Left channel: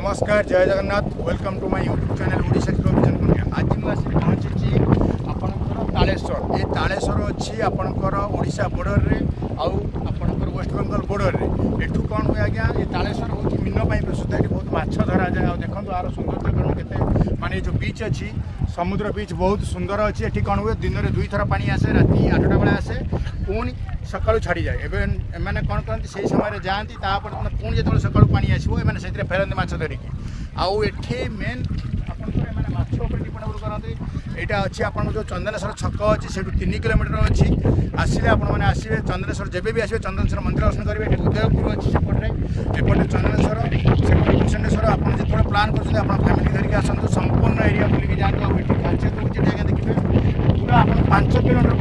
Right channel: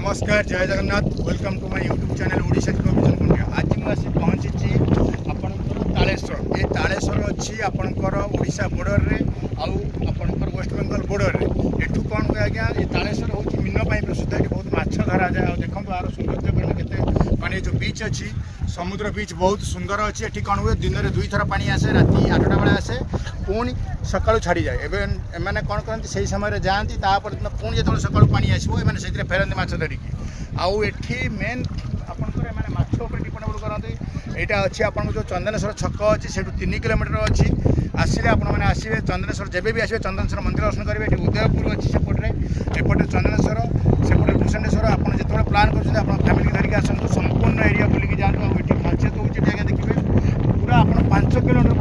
नमस्कार जय Jagannath welcome to my YouTube channel Odisha vision Kundia. आज मुझे पहुंची आपणकर तालेश्वर। ये तालेश्वर अच्छी आपणकर ओडिशा बॉर्डर रे आउ आपणकर वेस्ट बेंगल बॉर्डर रे। एठू कौन हुए आज्ञा ये तालेश्वर हूँ मीन प्रसिद्ध। ये बहुत माछ धरा जाए। देखो यार सौंदर्य केते माने जो बीच अच्छी समुद्र बीच बहुत सुंदर अच्छी। एठी कौन हुए दिन में 2 थर पानी आसे राति 8टा बेले आसे पुणी सकाळू छाड़ी जाए। एमने कौन करती से समय जाती पुणी जो सकाळू पानी आसो एमने से फेरती माछ धरिकी। आउ एठी मेन आपंकर माछ डिपेंड करते। यहाँ अच्छी आप जो चंदनेश्वर छक अच्छी से 3 किलोमीटर अच्छी आसिले आपने आसवे चंदनेश्वर जब भी आसवे चंदनेश्वर मंदिर दर्शन करेंगे। ये उदयपुर अच्छी सेपटे एपटे चंदनेश्वर सेपटे भूषणेश्वर आप जो प्लां कर फैमिली धरिक आसतु संपूर्ण एरिया बुलिक जातु। खासियत होती देखिए पूरा आप 5 किलोमीटर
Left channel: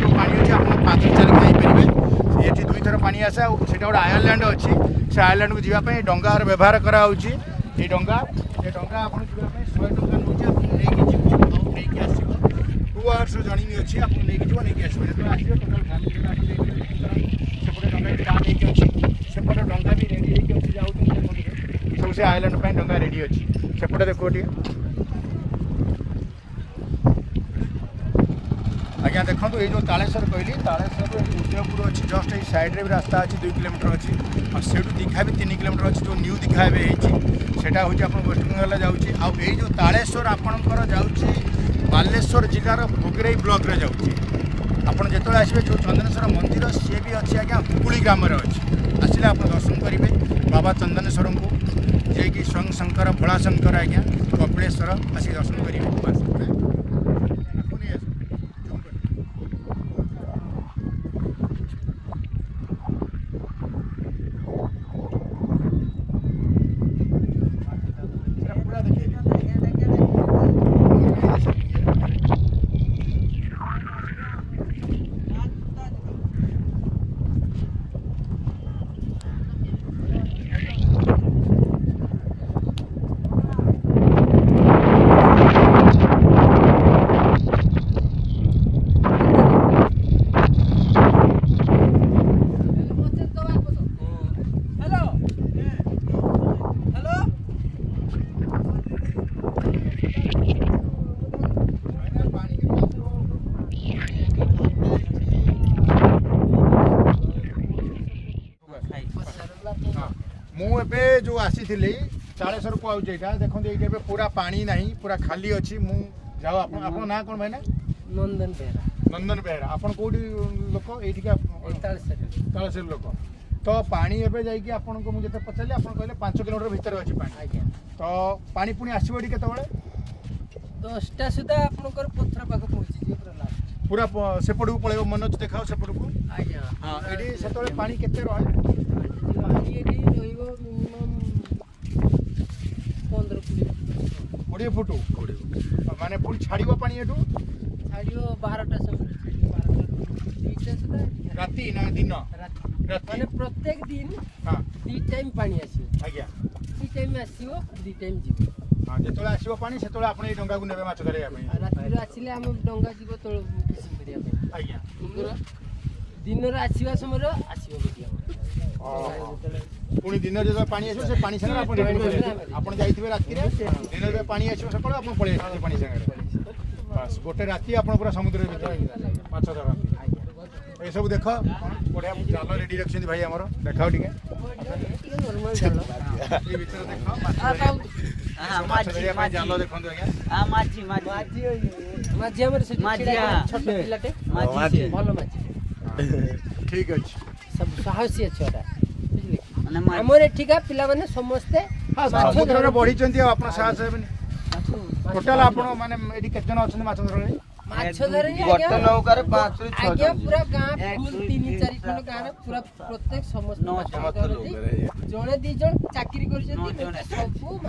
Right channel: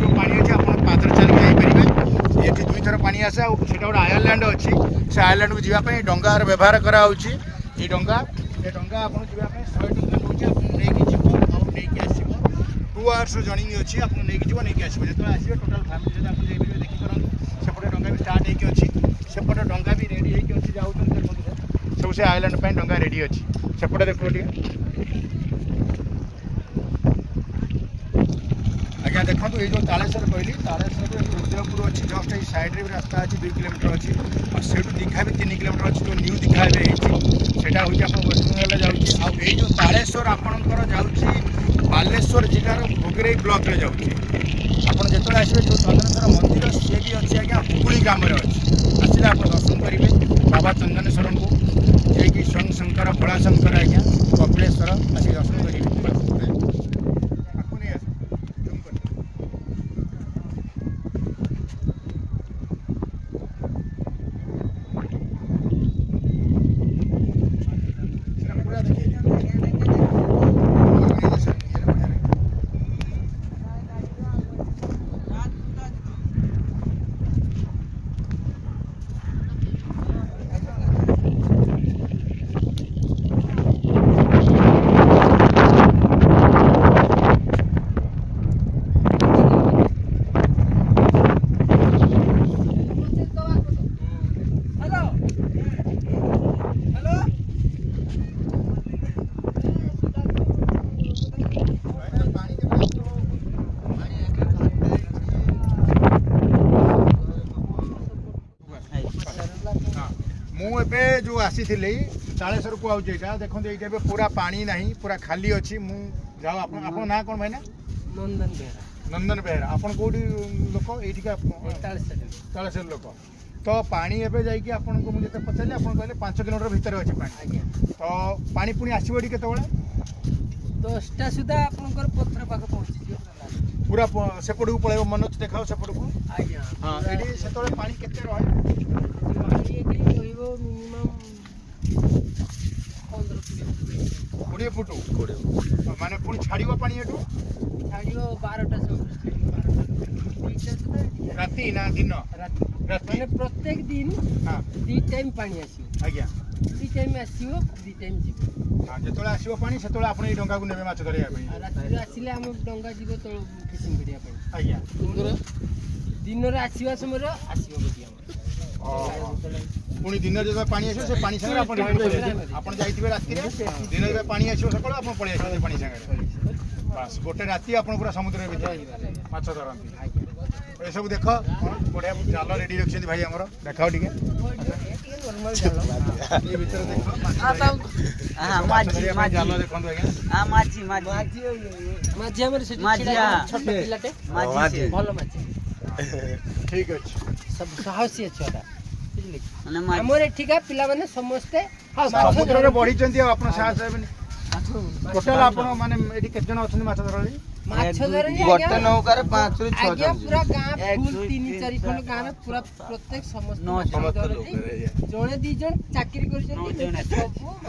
जो पानी अच्छे आप पादल चलिए जापर। ये 2 थर पानी आसे गोटे आयरलैंड अच्छी से आयरलैंड को जावाई डंगार व्यवहार कराऊँगी। ये डंगा आप जावाई 100 टଙ୍କା नहीं आस 2 आवर्स जर्नी अच्छी आप नहीं आसो जो आसवे टोटाल फैमिली आप देखिए सेपटे डंगा स्टार्ट होगी अच्छी सेपटे डंगा भी रेडी होगी जाऊँ सब से आइलैंड पर डंगा रेडी अच्छी सेपटे देखो आज्ञा देखो। ये जो तालेश्वर कहली तालेश्वर उदयपुर अच्छी जस्ट ये साइड्रे भी रास्ता अच्छी 2 किलोमीटर अच्छी और से दीघा भी 3 किलोमीटर अच्छी जो न्यू दीघा सेटा हूँ आप वेस्ट बेंगल जाऊँगी। आउ जो तालेश्वर आपणकर जाऊँगी बालेश्वर जिलार भोगरेई ब्लॉक रे जाऊँगी। आपड़ जो आसवे जो चंदनेश्वर मंदिर सी भी अच्छी आज्ञा हुकुली ग्राम अच्छी आसिले आप दर्शन करेंगे बाबा चंदनेश्वर को जे स्वयं शंकर भोलाशंकर आज्ञा कपिलेश्वर आसिक दर्शन करेंगे। मुझे जो आसी तालेश्वर को आउे देखो ये पूरा पानी ना पूरा खाली अच्छी मु जाओ आप ना कौन भाई ना नंदन बेहरा। नंदन बेहरा आपन कौटी लोक ये तालेश्वर लोक तो पानी एवं जाकि आपको मुझे पचारि आप कहले 5 किलोमीटर भितर अच्छी पानी तो पानी पुणी आसो ये केत 10टा सुधा आपनकर पथर पाख पहुंची पूरा सेपट को पड़े मनोज देखाओ सेपट को। हाँ ये से पानी केते मिनिमम 15 फुट 20 फुट माने पुणी छाड़ो पानी एटू छाड़ो 12टा राति ना दिन माने प्रत्येक दिन 2 टाइम पानी आसी आज्ञा 2 टाइम आसीओ 2 टाइम जीव। हाँ जो आसो पानी से आप डंगा को ने माछ धरिया राति आसिले हम डंगा जीव तळ फिशिंग करिया आज्ञा दिन रे आसीवा समय आसीओ गोटिया पुणी दिन जो पानी आसो से पानी संगे आप जाइए राति दिन जो पानी आसो सकाल आप पलि आस पानी संगे बस गोटे राति आप पूरा समुद्र माछ धरती। ये सब देख बढ़िया जाल रेडी रखिए भाई आमर देखाओ टे जाल देखो ठीक अच्छे सब साहसी छुआ आमर एठिका पिला माने समस्ते समुद्र बढ़ी आप साहस टोटाल आप माने केते जन अच्छा माछ धरले गोटे नौकार 5 ରୁ 6 जन पूरा गाँ फुल 3-4 खंड गाँ में पूरा प्रत्येक समस्त जड़े 2 जन चाकरी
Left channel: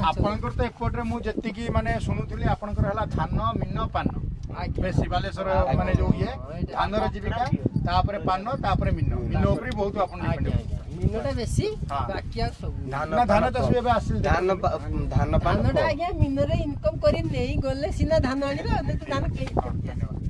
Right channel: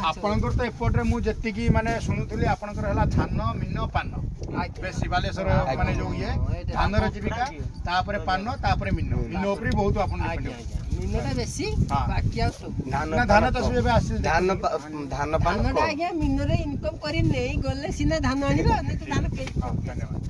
आपनकर तो एपटे मुझे जी माने शुणुली आपनकर हला धान मीन पान बेसी बालेश्वर माने जो ये धानर जीविका तापरे पान तापरे मीन मीन ऊपर बहुत आपन डिपेंड मीनटा बेसी बाकी आ सब ना धान चाष भी आसी धान धान पान धानटा आज्ञा मीन रे इनकम करी नहीं गले सिना धान आनिबा नहीं तो धान धन्यवाद।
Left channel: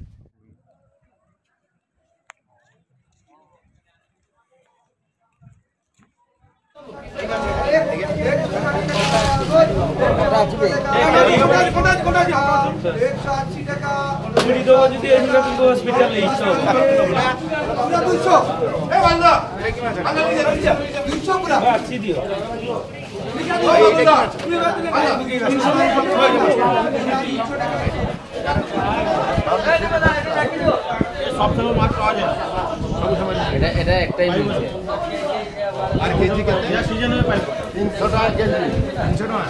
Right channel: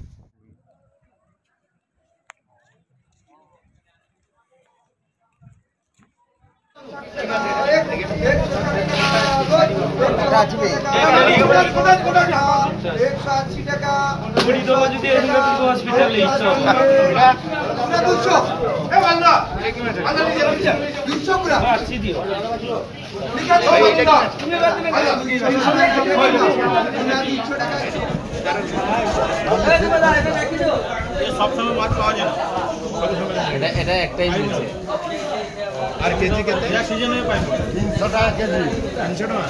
এটা একটাই মিলছে আর কেজি কেতে সিজন এ পাইব 300 টাকা কেজি 300 টাকা